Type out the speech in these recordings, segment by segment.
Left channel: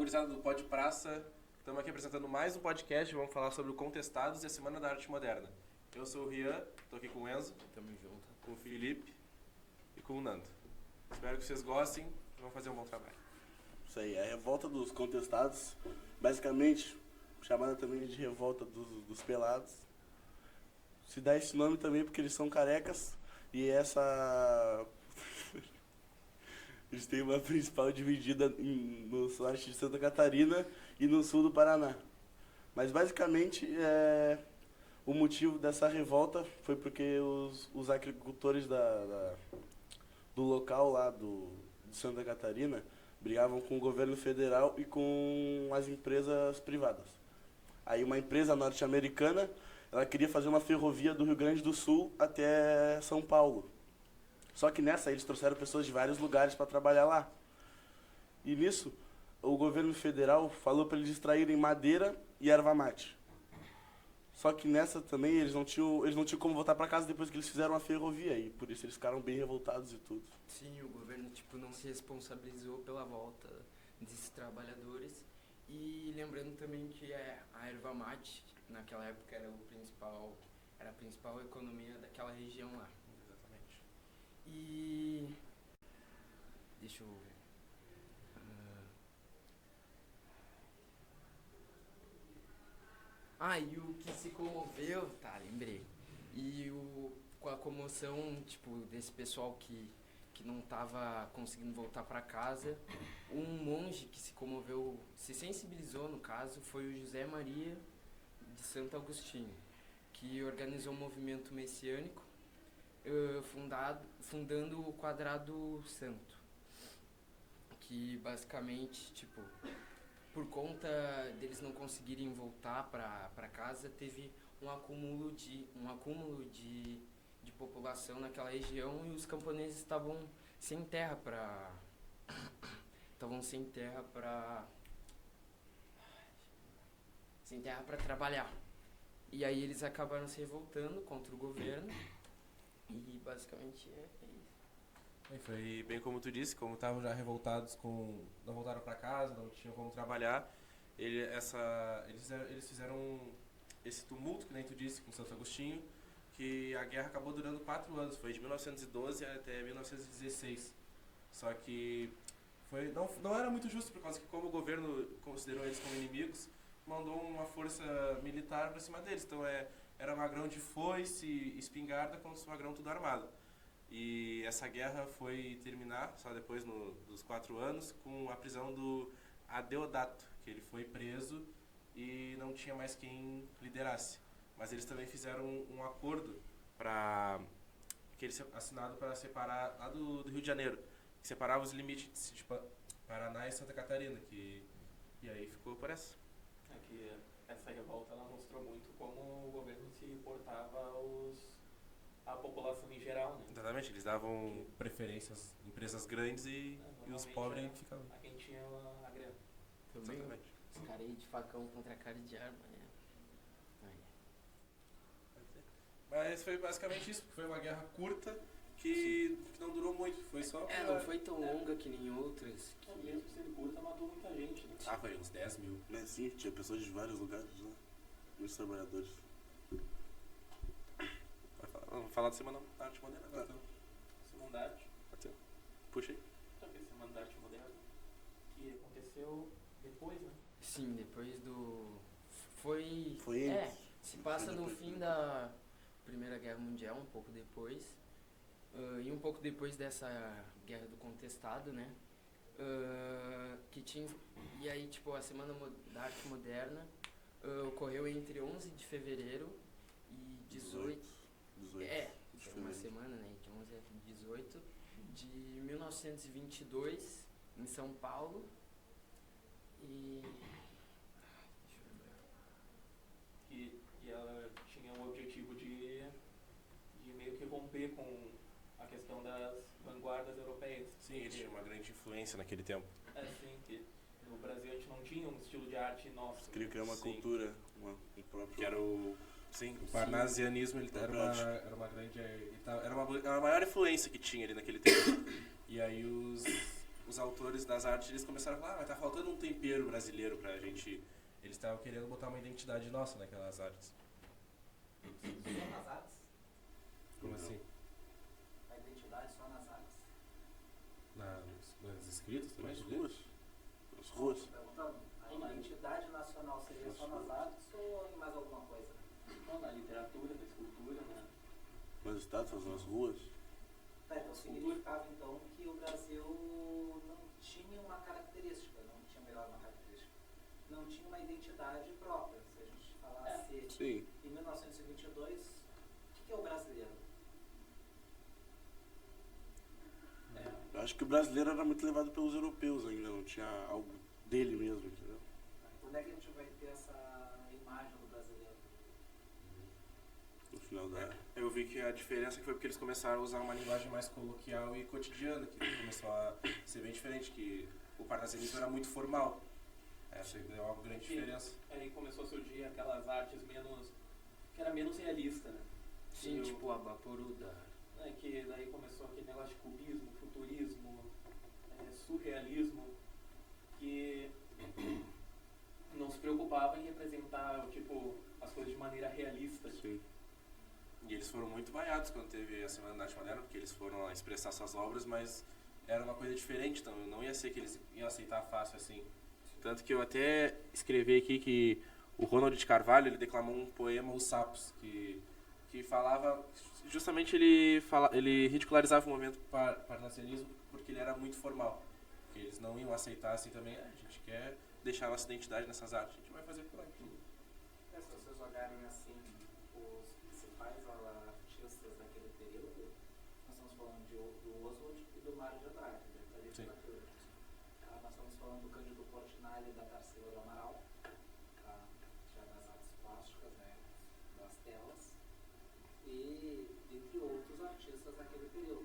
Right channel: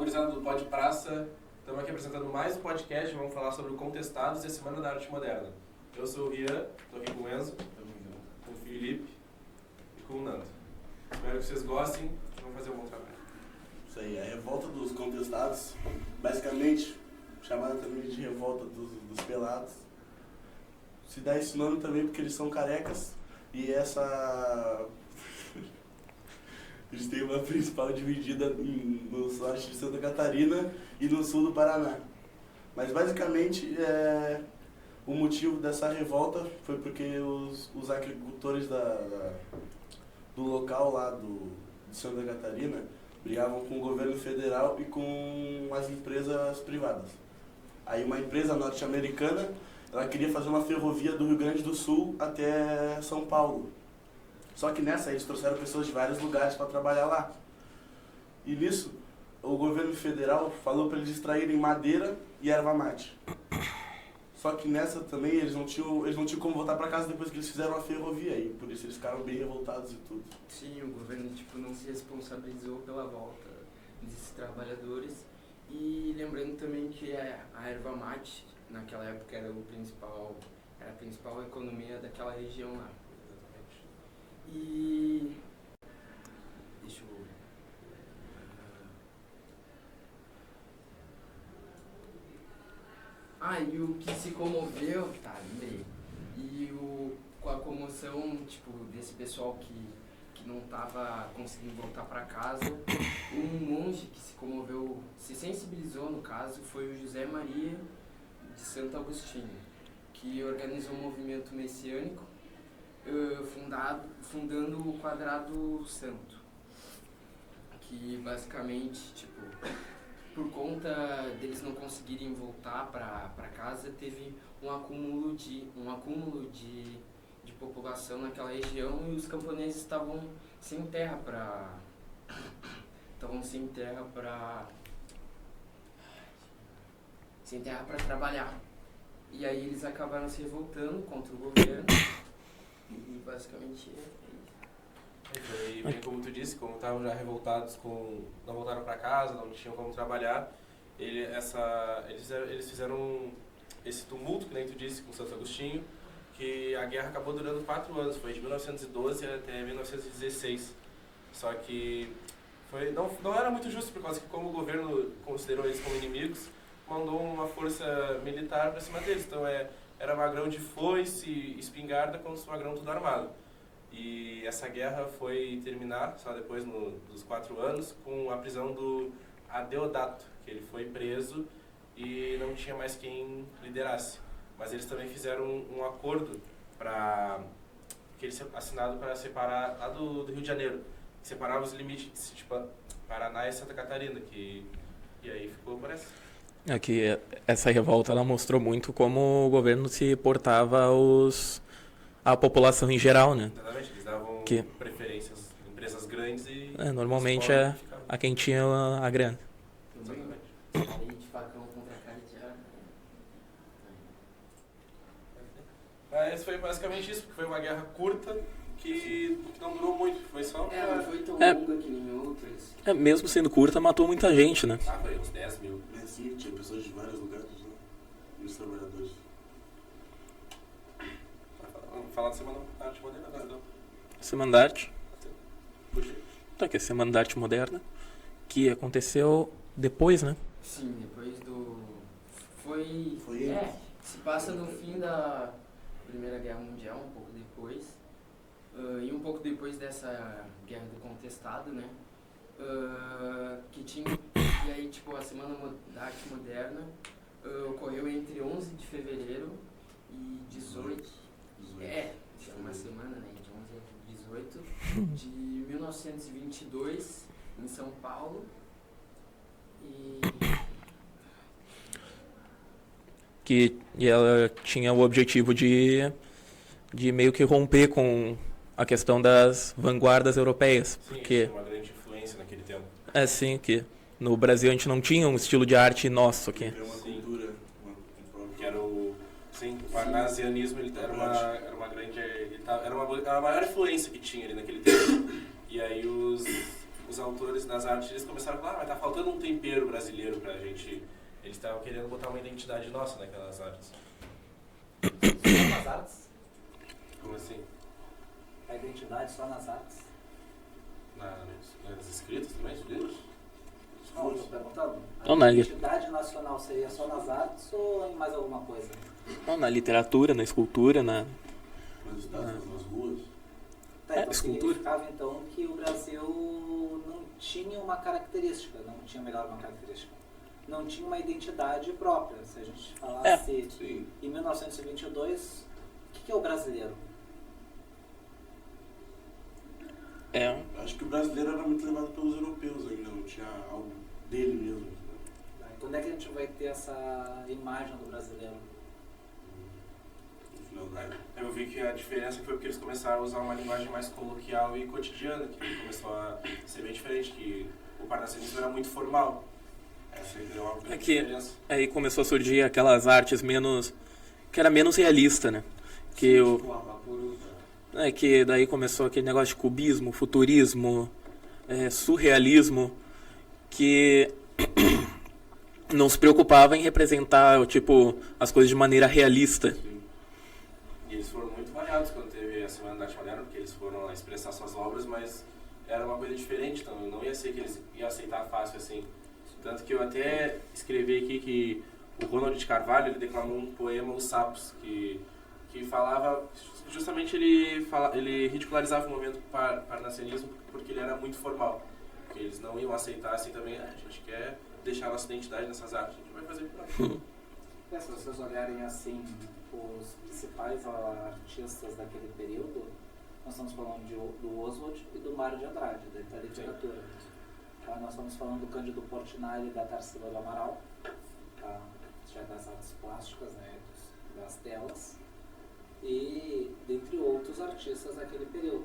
gurizada do Pod Praça. Estamos aqui apresentando mais um podcast. Vamos falar sobre o Contestados e a Semana da Arte Moderna. Eu sou o Rian, estou aqui com o Enzo, com o Felipe e com o Nando. Espero que vocês gostem e vão fazer um bom trabalho. Isso aí, a revolta dos contestados, basicamente chamada também de revolta dos pelados. Se dá esse nome também porque eles são carecas e essa... Eles têm uma principal dividida no norte de Santa Catarina e no sul do Paraná. Mas basicamente o motivo dessa revolta foi porque os agricultores do local lá de Santa Catarina brigavam com o governo federal e com as empresas privadas. Aí uma empresa norte-americana, ela queria fazer uma ferrovia do Rio Grande do Sul até São Paulo. Só que nessa eles trouxeram pessoas de vários lugares para trabalhar lá. E nisso, o governo federal falou para eles extraírem madeira e erva mate. Só que nessa também eles não tinham como voltar para casa depois que eles fizeram a ferrovia. E por isso eles ficaram bem revoltados e tudo. Sim, o governo não se responsabilizou pela volta desses trabalhadores. E lembrando também que a erva mate, naquela época, era a principal economia daquela região lá. E deixa eu... e o que se comoveu, lembrei. Com a comoção, desse pessoal que não estava conseguindo voltar para casa, um monge que se comoveu, se sensibilizou no caso, foi o José Maria de Santo Agostinho, que organizou um movimento messiânico fundando o Quadrado Santo, que basicamente, por conta deles não conseguirem voltar para casa, teve um acúmulo de população naquela região e os camponeses estavam sem terra para trabalhar. E aí eles acabaram se revoltando contra o governo. E basicamente Foi bem como tu disse, como estavam já revoltados, não voltaram para casa, não tinham como trabalhar, eles fizeram esse tumulto, que nem tu disse, com Santo Agostinho, que a guerra acabou durando 4 anos, foi de 1912 até 1916. Só que não era muito justo, por causa que como o governo considerou eles como inimigos, mandou uma força militar para cima deles. Então era magrão de foice e espingarda contra os magrão tudo armado. E essa guerra foi terminar, só depois dos 4 anos, com a prisão do Adeodato, que ele foi preso e não tinha mais quem liderasse. Mas eles também fizeram um acordo que eles assinado para separar lá do Rio de Janeiro, que separava os limites, Paraná e Santa Catarina, e aí ficou por essa. Que essa revolta ela mostrou muito como o governo se portava a população em geral, né? Exatamente, eles davam preferências a empresas grandes e... normalmente a quem tinha a grana. Exatamente. de facão contra a cara de arma. Mas foi basicamente isso, porque foi uma guerra curta que não durou muito, foi só... Não foi tão longa que nem outras. Mesmo sendo curta, matou muita gente, né? Foi uns 10 mil. Sim, tinha pessoas de vários lugares, né? E os trabalhadores. Vamos falar da Semana da Arte Moderna agora, então. Semana da Arte. Puxa aí. Que é a Semana da Arte Moderna, que aconteceu depois, né? Sim, depois do... Foi se passa no fim da Primeira Guerra Mundial, um pouco depois. E um pouco depois dessa Guerra do Contestado, né? E aí, a Semana da Arte Moderna ocorreu entre 11 de fevereiro e 18. Uma semana, né? De 11 a 18 de 1922 em São Paulo. E ela tinha o objetivo de meio que romper com a questão das vanguardas europeias. Sim, porque tinha uma grande influência naquele tempo. Sim, que no Brasil a gente não tinha um estilo de arte nosso aqui. É uma cultura, que era o parnasianismo, ele era uma grande... Era a maior influência que tinha ali naquele tempo. E aí os autores nas artes, eles começaram a falar, mas tá faltando um tempero brasileiro pra gente. Eles estavam querendo botar uma identidade nossa naquelas artes. Só nas artes? Como assim? A identidade só nas artes? Nas escritas também, As tu ruas. diz? As Não, ruas. tô perguntando. Não, A na identidade nacional seria só nas artes ou em mais alguma coisa? Não, na literatura, na escultura, na... Nas estátuas, nas ruas. Tá, então escultura. significava então que o Brasil não tinha uma característica, não tinha melhor uma característica. Não tinha uma identidade própria. Se a gente falasse Sim. em 1922, o que é o brasileiro? É, Eu acho que o brasileiro era muito levado pelos europeus ainda, não tinha algo dele mesmo, entendeu? Tá, então, onde é que a gente vai ter essa imagem do brasileiro? No final da... Eu vi que a diferença foi porque eles começaram a usar uma linguagem mais coloquial e cotidiana, que começou a ser bem diferente, que o parnasianismo era muito formal. Essa aí deu uma grande diferença. aí começou a surgir aquelas artes menos... que era menos realista, né? Que o... Tipo, Abapuru, que daí começou aquele negócio de cubismo, futurismo, surrealismo, que não se preocupava em representar, tipo, as coisas de maneira realista. Sim. E eles foram muito variados quando teve a Semana da Arte Moderna, porque eles foram lá expressar suas obras, mas era uma coisa diferente, então não ia ser que eles iam aceitar fácil assim. Tanto que eu até escrevi aqui que o Ronald de Carvalho, ele declamou um poema, Os Sapos, que falava, justamente ele ridicularizava o movimento parnasianismo porque ele era muito formal. Porque eles não iam aceitar assim também, a gente quer deixar a nossa identidade nessas artes, a gente vai fazer por aqui. Se vocês olharem assim, os principais artistas daquele período, nós estamos falando do Oswald e do Mário de Andrade, da literatura. Tá? Nós estamos falando do Cândido Portinari e da Tarsila do Amaral, tá? Já das artes plásticas, né? Das telas, e dentre outros artistas daquele período.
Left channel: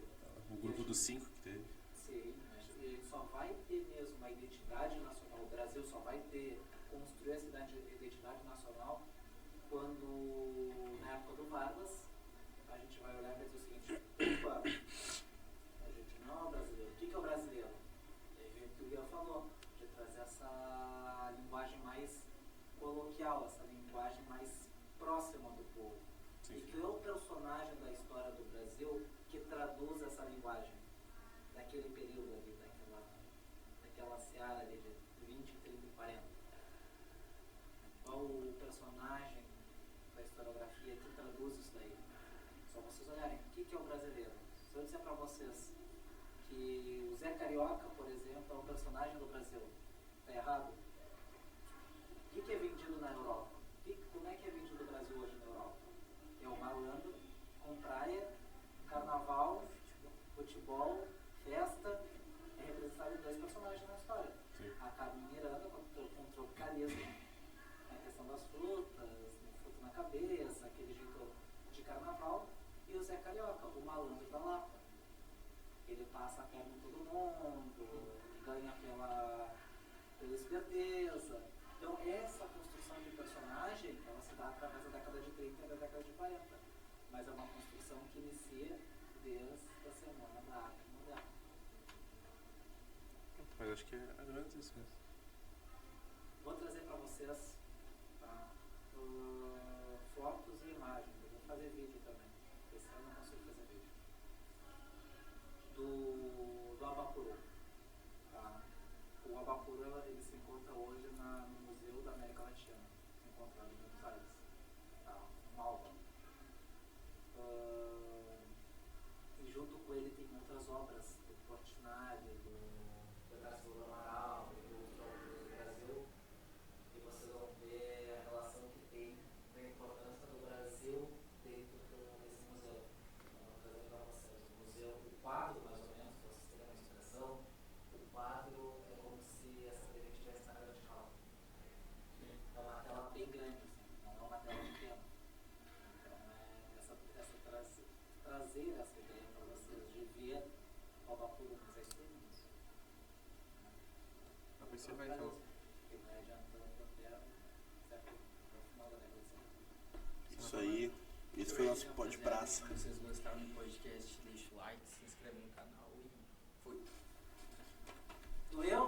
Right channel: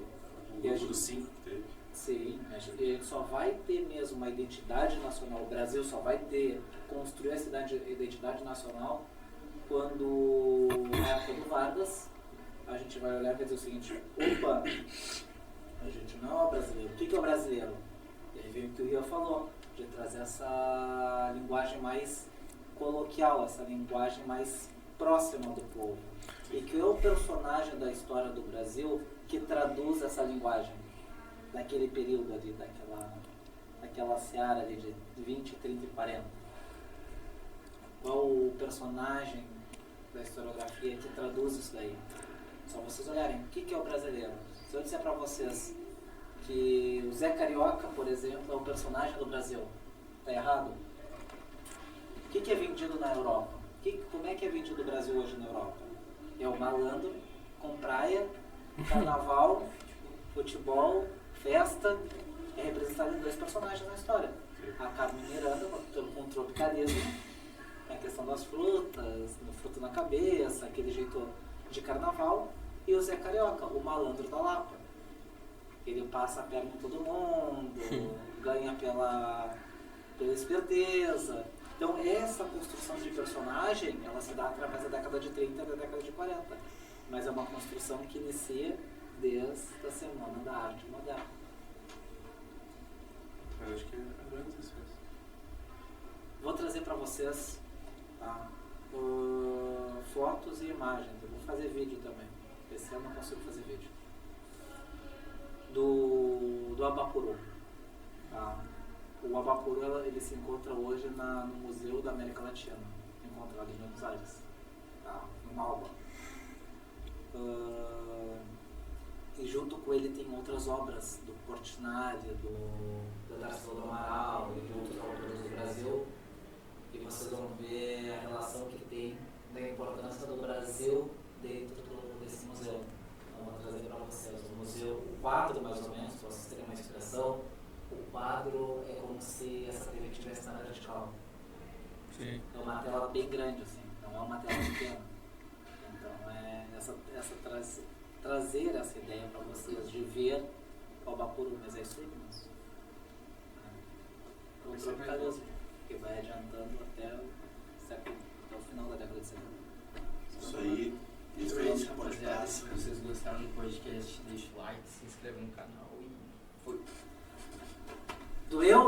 O grupo dos 5 que teve. Sim, a gente só vai ter mesmo uma identidade nacional, o Brasil só vai construir essa identidade nacional quando, na época do Vargas, a gente vai olhar e vai dizer o seguinte, opa, a gente não é o brasileiro, o que é o brasileiro? E aí vem o que o Ria falou, de trazer essa linguagem mais coloquial, essa linguagem mais próxima do povo. E que é o personagem da história do Brasil que traduz essa linguagem daquele período ali, daquela seara ali de 20, 30 e 40. Qual o personagem da historiografia que traduz isso daí? Só vocês olharem, o que é o brasileiro? Se eu disser para vocês que o Zé Carioca, por exemplo, é o personagem do Brasil, tá errado? O que é vendido na Europa? Como é que é vendido o Brasil hoje na Europa? É o malandro com praia, carnaval, futebol, festa, é representado em dois personagens na história. A Carmen Miranda, com o tropicalismo, a questão das frutas, fruta na cabeça, aquele jeito de carnaval, e o Zé Carioca, o malandro da Lapa. Ele passa a perna em todo mundo, ganha pela esperteza. Então essa construção de personagem, ela se dá através da década de 30 e da década de 40. Mas é uma construção que inicia desde a Semana da Arte Moderna. Mas acho que é antes isso mesmo. Vou trazer para vocês, tá, fotos e imagens. Eu vou fazer vídeo também. Esse ano eu não consigo fazer vídeo. Do Abapuru. Tá? O Abapuru ele se encontra hoje no Museu da América Latina. Se encontra ali em Buenos Aires, tá? Em Malva. E junto com ele tem outras obras do Portinari, do Tarsila do Amaral e de outros autores do Brasil. E vocês vão ver a relação que tem da importância do Brasil dentro desse museu. Então, vou trazer para vocês o museu, o quadro mais ou menos, para vocês terem uma expressão. O quadro é como se essa TV estivesse na vertical. Sim. É uma tela bem grande, assim, não é uma tela pequena. Então, é trazer essa ideia para vocês de ver o Abapuru, mas é isso aí mesmo. O tropicalismo, que vai adiantando até o final da década de 70. Isso aí, esse foi o nosso pó de praça. Se vocês gostaram do podcast, deixa o like, se inscreve no canal e foi. do eu